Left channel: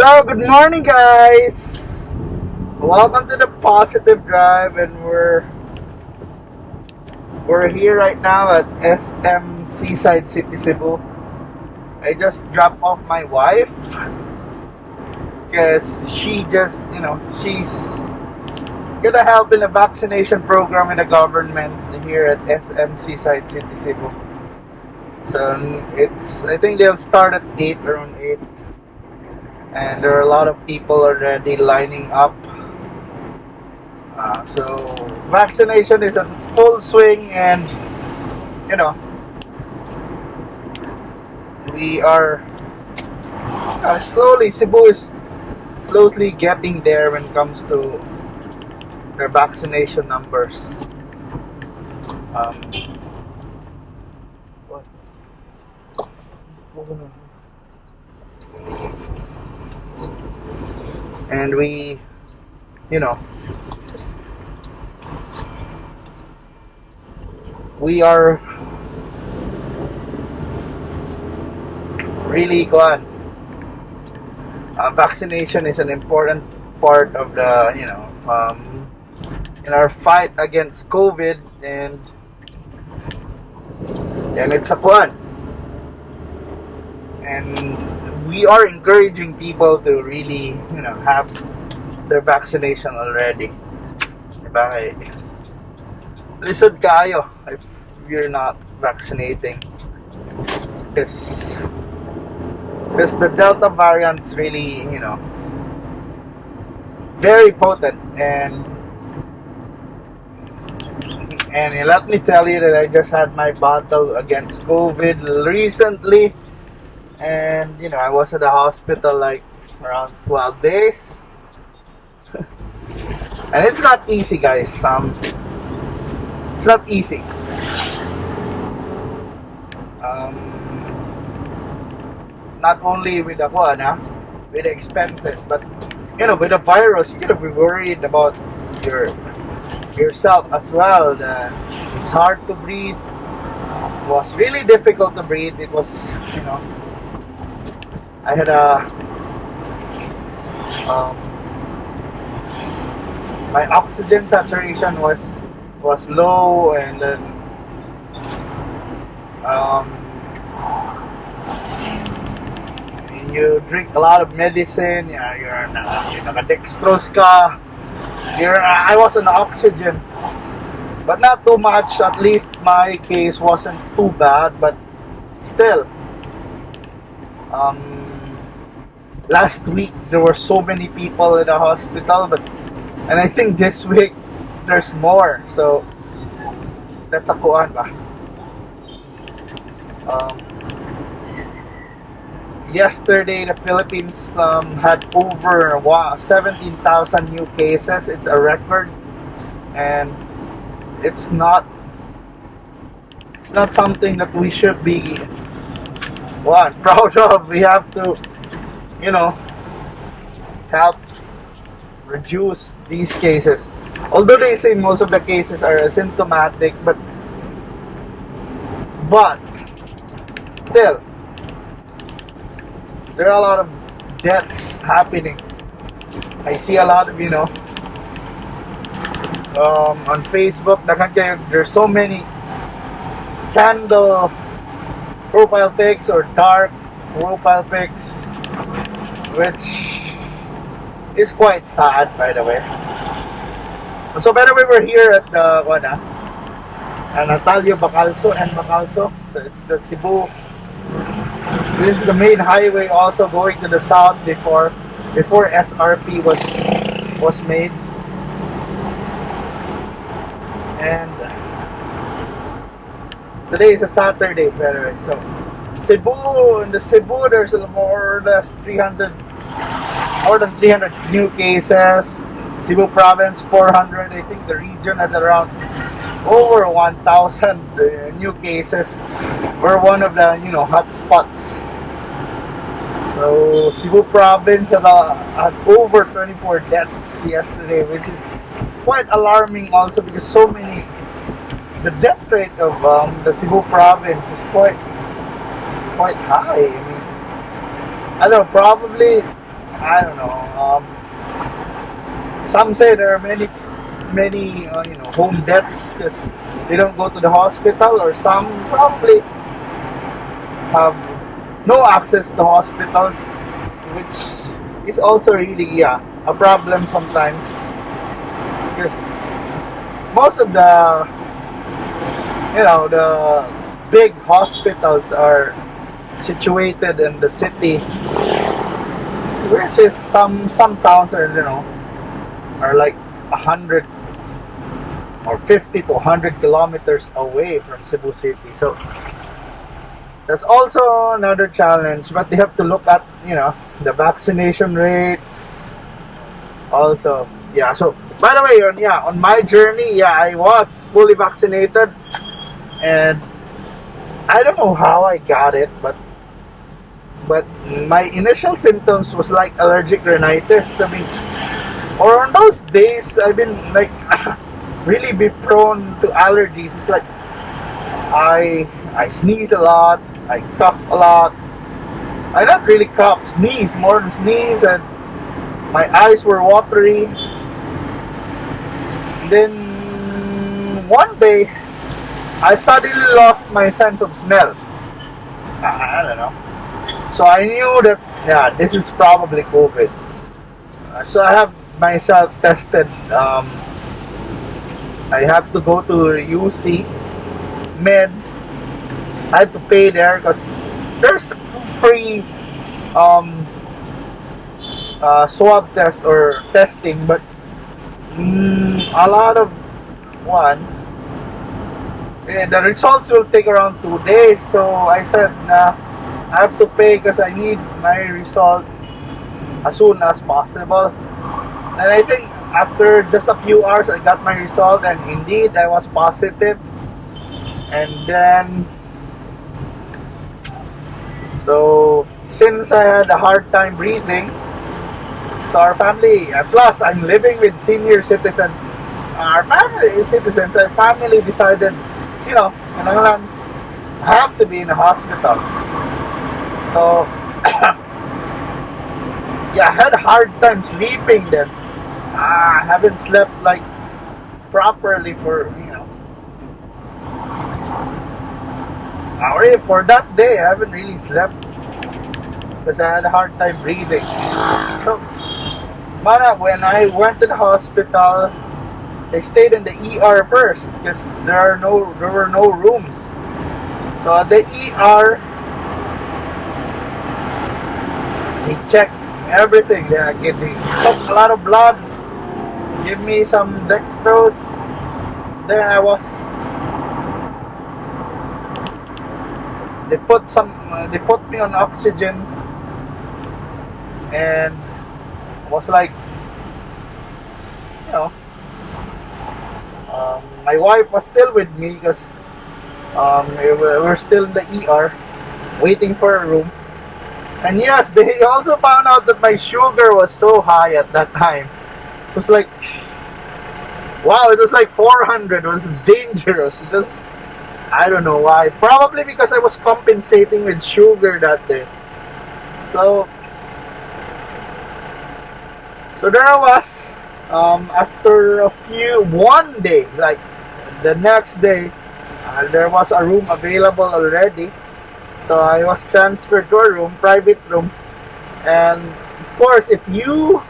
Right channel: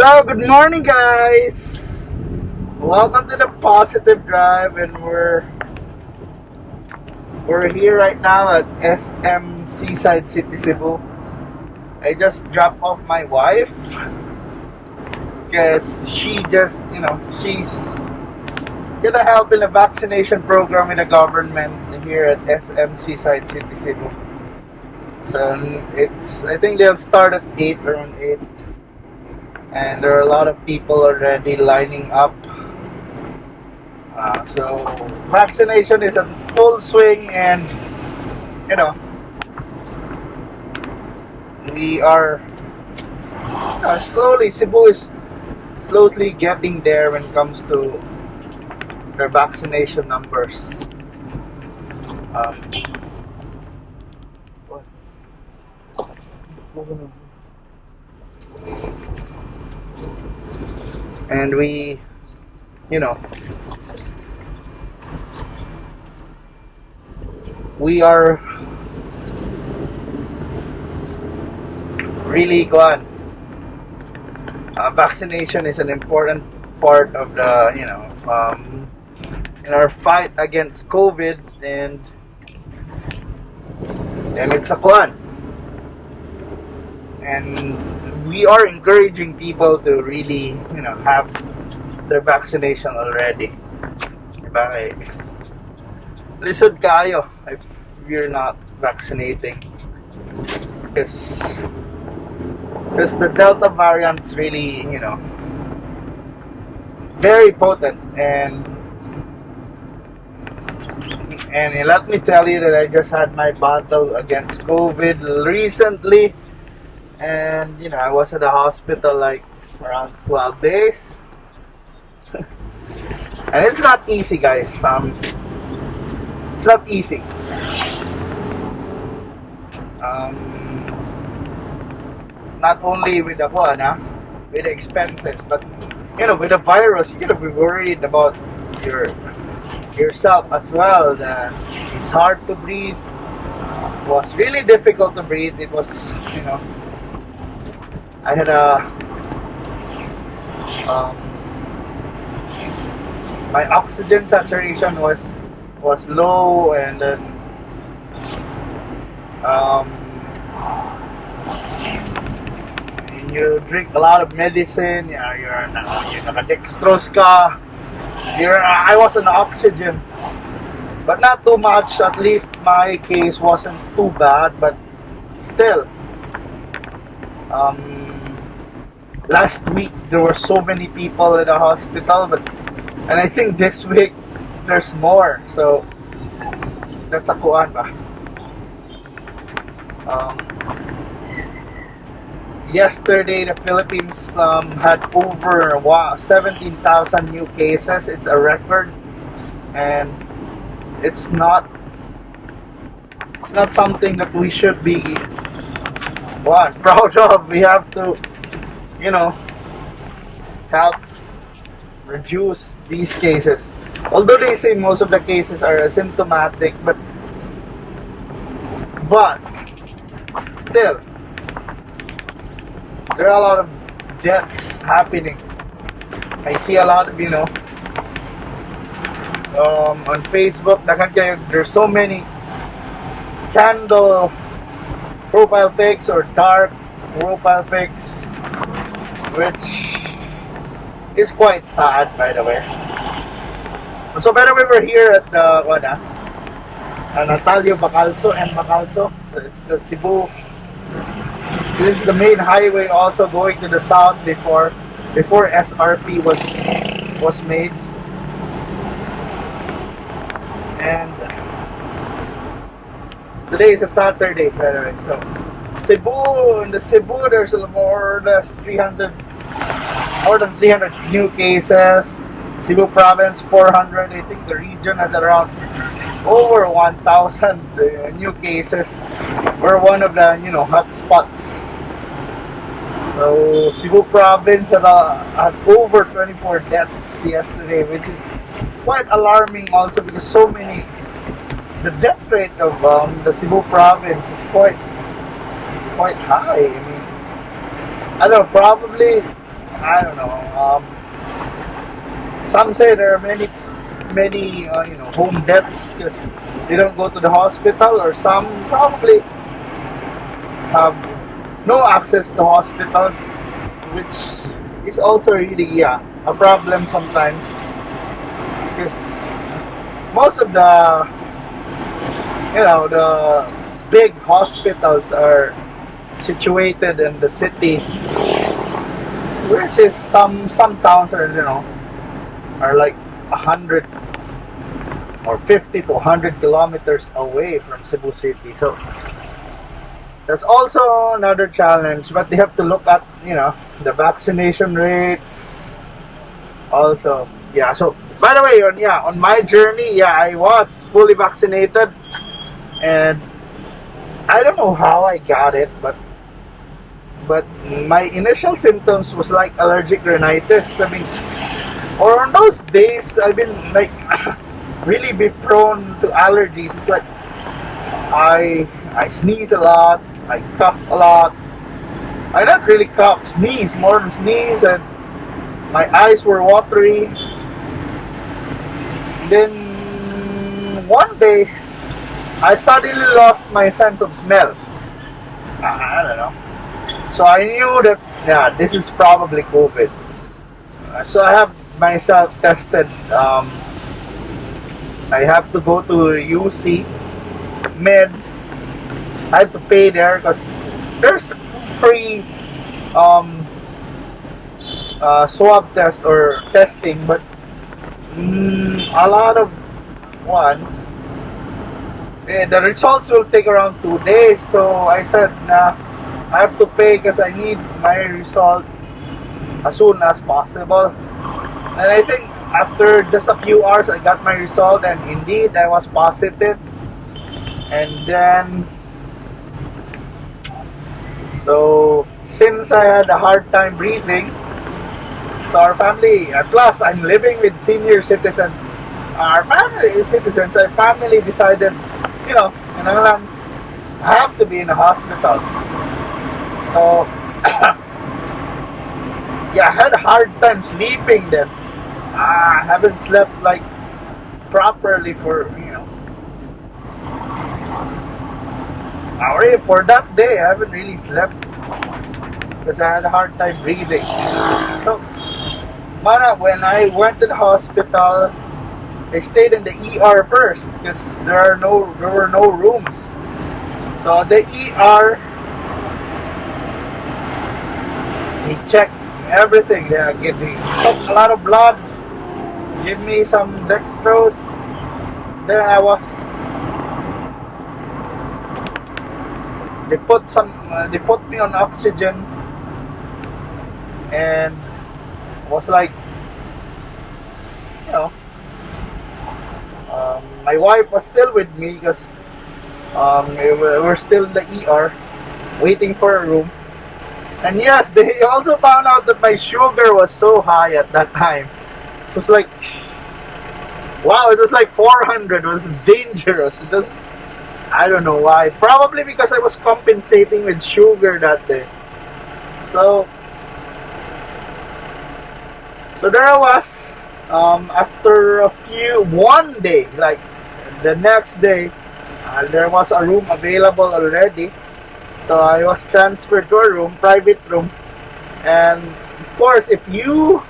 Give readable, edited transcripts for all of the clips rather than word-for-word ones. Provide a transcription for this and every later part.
So, good morning, guys. Welcome to the Positive Drive, and we're here right now at SM Seaside City, Cebu. I just dropped off my wife because she's gonna help in a vaccination program in the government here at SM Seaside City, Cebu. So I think they'll start at 8, around 8. And there are a lot of people already lining up. So vaccination is at full swing, and we are Cebu is slowly getting there when it comes to their vaccination numbers. And we are really gone. Vaccination is an important part of the in our fight against COVID, and it's a one. And we are encouraging people to really have their vaccination already. Diba? Lisod kayo if you're not vaccinating, because the Delta variant's really very potent, and let me tell you that I just had my battle against COVID recently, and I was at the hospital like around 12 days. And it's not easy, guys. It's not easy. Not only with with the expenses, but with the virus, you gotta be worried about yourself as well. That it's hard to breathe. It was really difficult to breathe. It was, I had my oxygen saturation was low, and then you drink a lot of medicine. You're dextrose ka. I was on oxygen, but not too much. At least my case wasn't too bad, but still. Last week there were so many people in the hospital, and I think this week there's more. So that's a kuan ba. Yesterday the Philippines had over 17,000 new cases. It's a record, and it's not something that we should be proud of. We have to help reduce these cases. Although they say most of the cases are asymptomatic, but still there are a lot of deaths happening. I see a lot of on Facebook. There's so many candle profile pics or dark profile pics, which is quite sad, by the way. So, by the way, we're here at the Bacalso and Bacalso. So it's the Cebu. This is the main highway, also going to the south before SRP was made. And today is a Saturday, by the way. So in the Cebu, there's more or less more than 300 new cases. Cebu province 400. I think the region has around over 1,000 new cases. We're one of the hot spots. So Cebu province had over 24 deaths yesterday, which is quite alarming also, because the death rate of the Cebu province is quite high. I mean, I don't know, probably I don't know. Some say there are many home deaths because they don't go to the hospital, or some probably have no access to hospitals, which is also really a problem sometimes, because most of the big hospitals are situated in the city, which is some towns are like 100 or 50 to 100 kilometers away from Cebu City. So that's also another challenge, but they have to look at the vaccination rates also. So by the way, on my journey, I was fully vaccinated, and I don't know how I got it, but my initial symptoms was like allergic rhinitis. I mean, or on those days I've been like really be prone to allergies. It's like I sneeze a lot, I cough a lot. I not really cough, sneeze more than sneeze, and my eyes were watery. And then one day I suddenly lost my sense of smell. I don't know. So I knew that this is probably COVID. So I have myself tested. I have to go to UC Med. I had to pay there because there's free swab test or testing, but a lot of the results will take around 2 days. So I said, I have to pay because I need my result as soon as possible. And I think after just a few hours I got my result, and indeed I was positive. And then so since I had a hard time breathing, so our family, plus I'm living with senior citizens, our family decided, I have to be in a hospital. So I had a hard time sleeping then. I haven't slept like properly for for that day. I haven't really slept because I had a hard time breathing. So when I went to the hospital, I stayed in the ER first because there were no rooms. So at the ER, they checked everything. They took a lot of blood, give me some dextrose. Then they put me on oxygen, and I was like, my wife was still with me because we were still in the ER waiting for a room. And yes, they also found out that my sugar was so high at that time. It was like, wow, it was like 400. It was dangerous. I don't know why. Probably because I was compensating with sugar that day. So there I was. After one day, like the next day, there was a room available already. So I was transferred to a room, private room. And of course, should you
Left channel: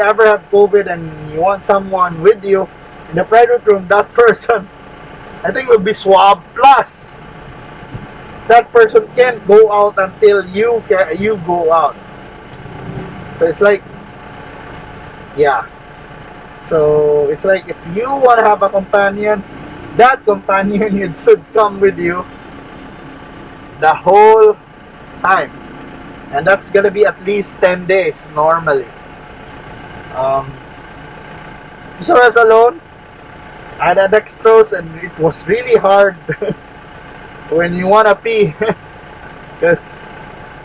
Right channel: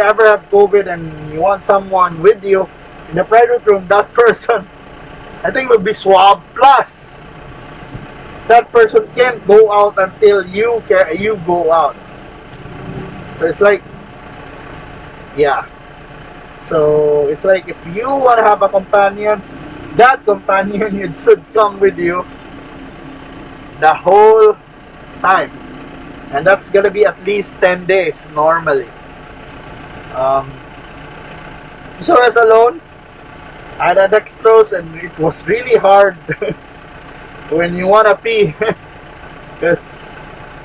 ever have COVID and you want someone with you in the private room, that person, I think, will be swabbed. Plus, that person can't go out until you go out. So it's like, so it's like if you want to have a companion, that companion should come with you the whole time, and that's gonna be at least 10 days normally. So I was alone. I had a dextrose, and it was really hard when you wanna pee because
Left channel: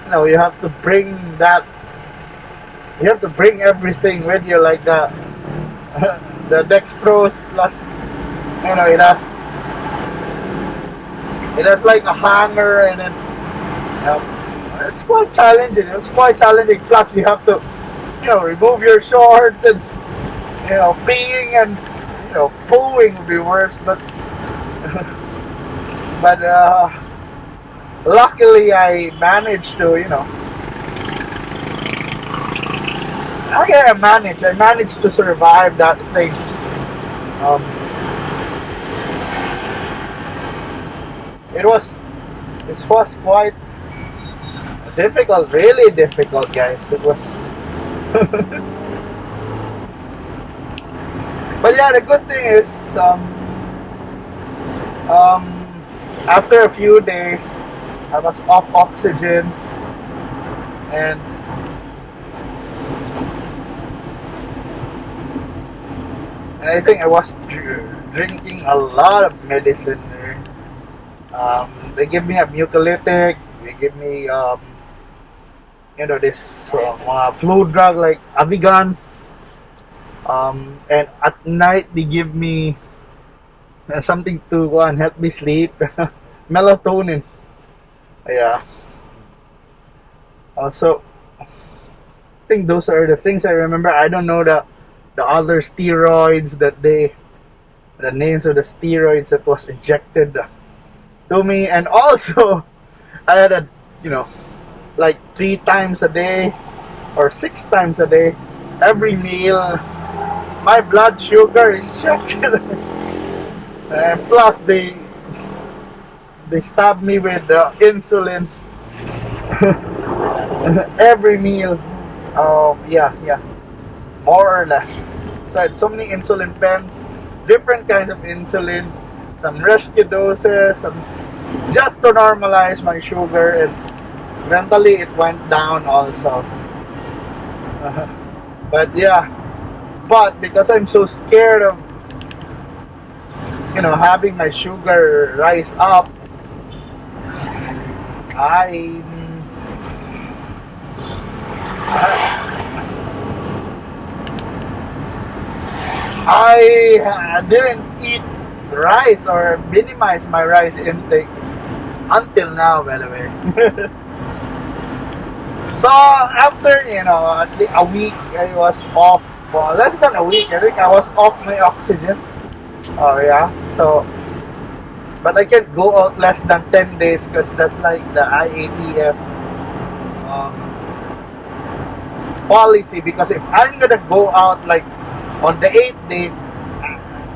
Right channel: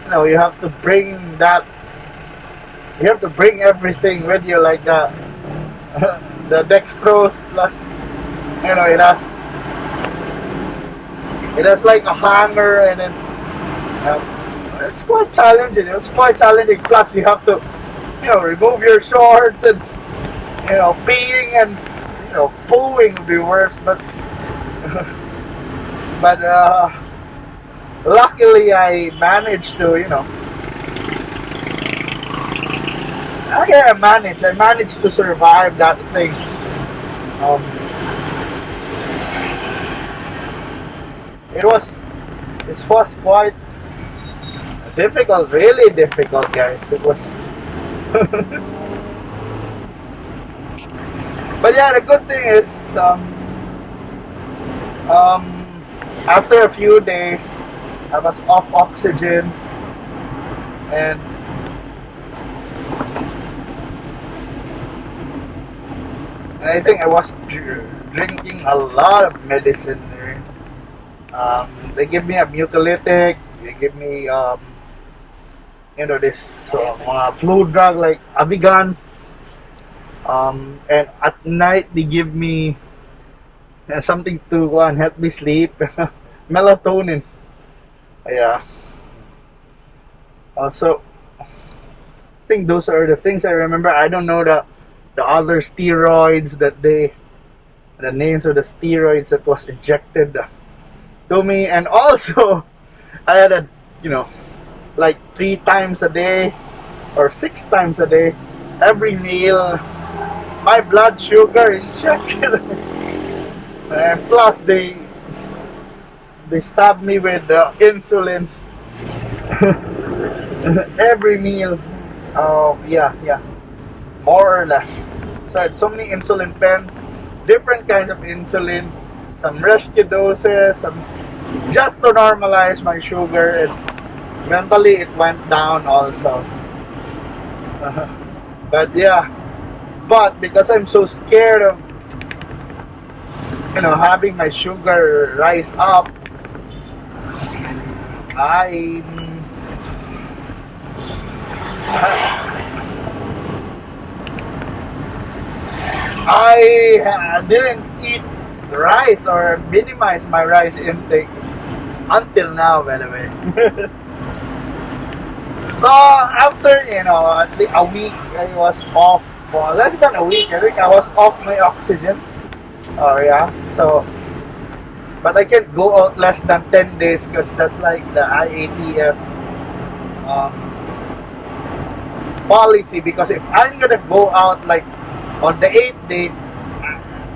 you have to bring everything with you, like the dextrose, plus it has like a hanger, and then it's quite challenging. It was quite challenging. Plus, you have to, remove your shorts and, peeing and, pooing would be worse. But, but luckily, I managed to, okay, I managed to survive that thing. It was quite difficult, really difficult, guys. It was. But yeah, the good thing is, after a few days, I was off oxygen, and I think I was drinking a lot of medicine. They give me a mucolytic. They give me, this flu drug like Avigan. And at night they give me something to go and help me sleep. Melatonin. Yeah. Also, I think those are the things I remember. I don't know the other steroids the names of the steroids that was injected to me. And also, I had like 3 times a day or 6 times a day, every meal, my blood sugar is checked. And plus they stab me with insulin every meal. Yeah, more or less. So I had so many insulin pens, different kinds of insulin, some rescue doses, just to normalize my sugar, and eventually it went down also. But yeah, because I'm so scared of having my sugar rise up, I didn't eat rice or minimize my rice intake until now, by the way. So after a week, I was off. Well, less than a week, I think I was off my oxygen. Oh yeah. So, but I can't go out less than 10 days because that's like the IATF policy. Because if I'm gonna go out like on the 8th day,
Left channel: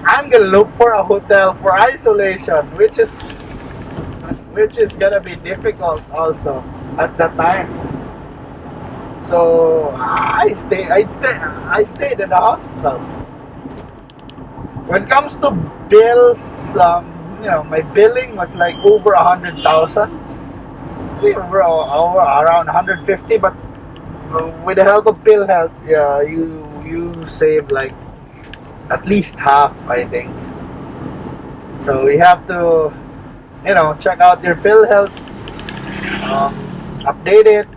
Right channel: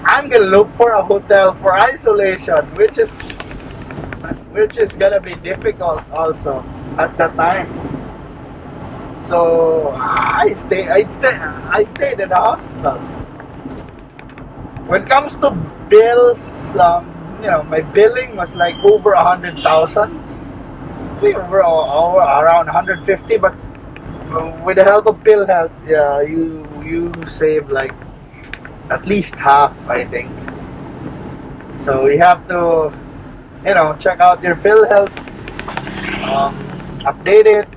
I'm gonna look for a hotel for isolation, which is gonna be difficult also at that time. So I stayed in the hospital. When it comes to bills, my billing was like over 100,000. Over around 150, but with the help of PhilHealth, yeah, you save like at least half, I think. So you have to, check out your PhilHealth, update it,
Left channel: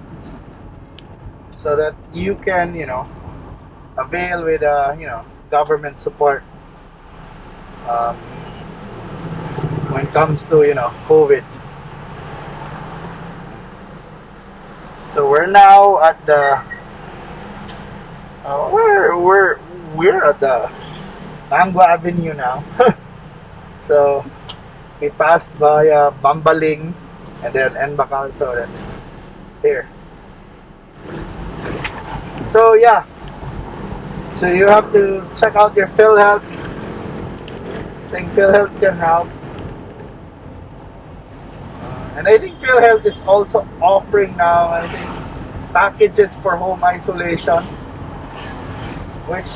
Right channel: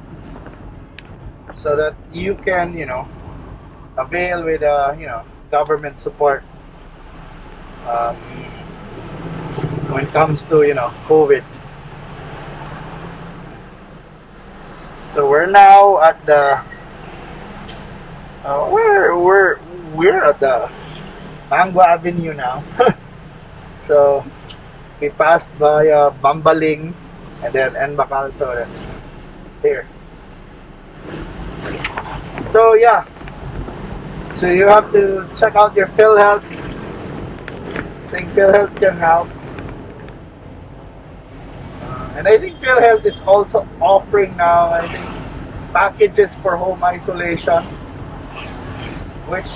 so that you can, avail with, government support when it comes to, COVID. So we're now at the we're at the Mango Avenue now. So we passed by Mambaling and then Bacalso, then here. So yeah, so you have to check out your PhilHealth. I think PhilHealth can help. And I think PhilHealth is also offering now, I think, packages for home isolation, which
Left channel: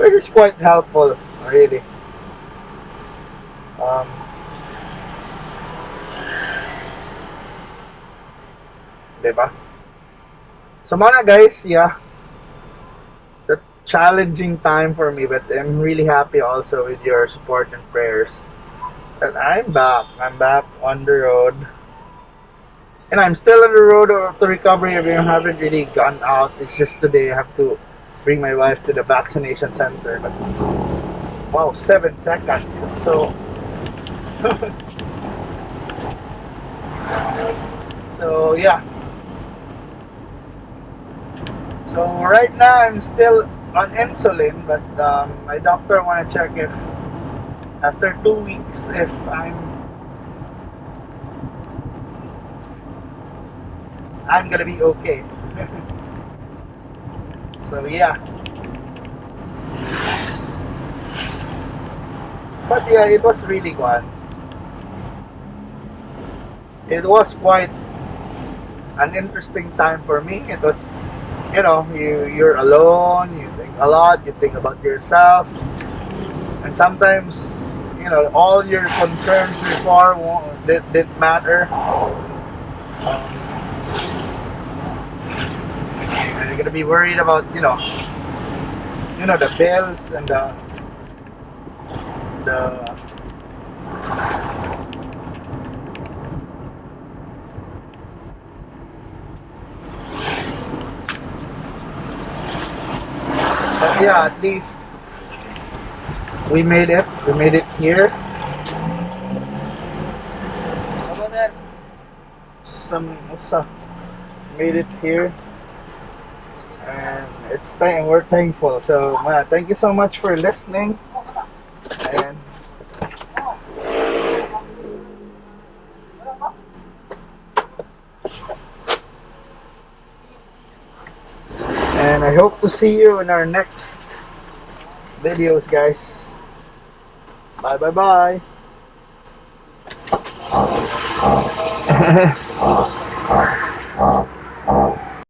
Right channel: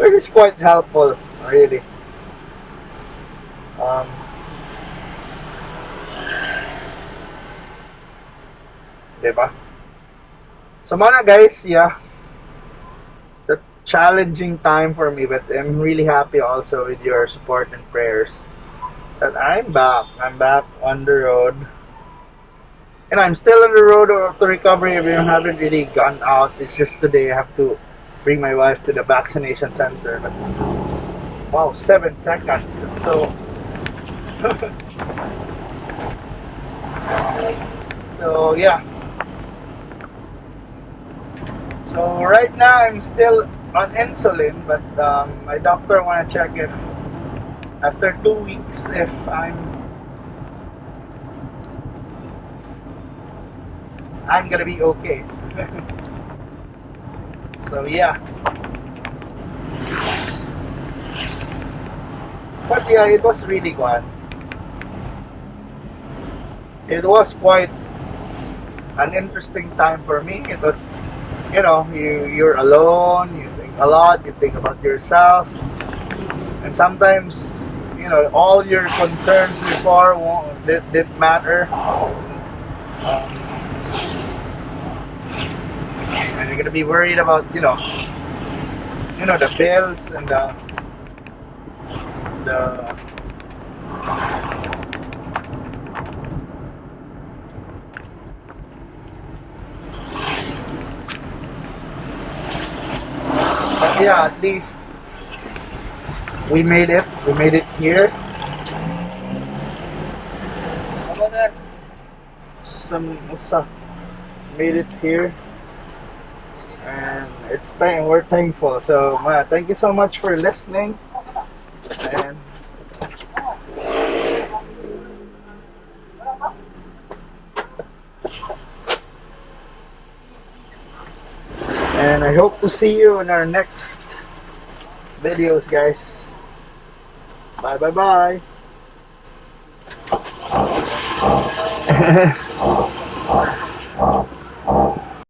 is quite helpful, really. Diba? So muna guys, yeah, the challenging time for me, but I'm really happy also with your support and prayers that I'm back on the road, and I'm still on the road to recovery. I haven't really gone out. It's just today I have to bring my wife to the vaccination center, but wow, 7 seconds, that's so So yeah. So right now I'm still on insulin, but my doctor wanna check if after 2 weeks if I'm gonna be okay. So yeah. But yeah, it was really good. It was quite an interesting time for me. It was, you're alone, you think a lot, you think about yourself, and sometimes, all your concerns before didn't matter. And you're gonna be worried about, the bills and the but yeah, at least we made it. We made it here. Made it here, and we're thankful. So, thank you so much for listening, and I hope to see you in our next videos, guys. Bye bye bye.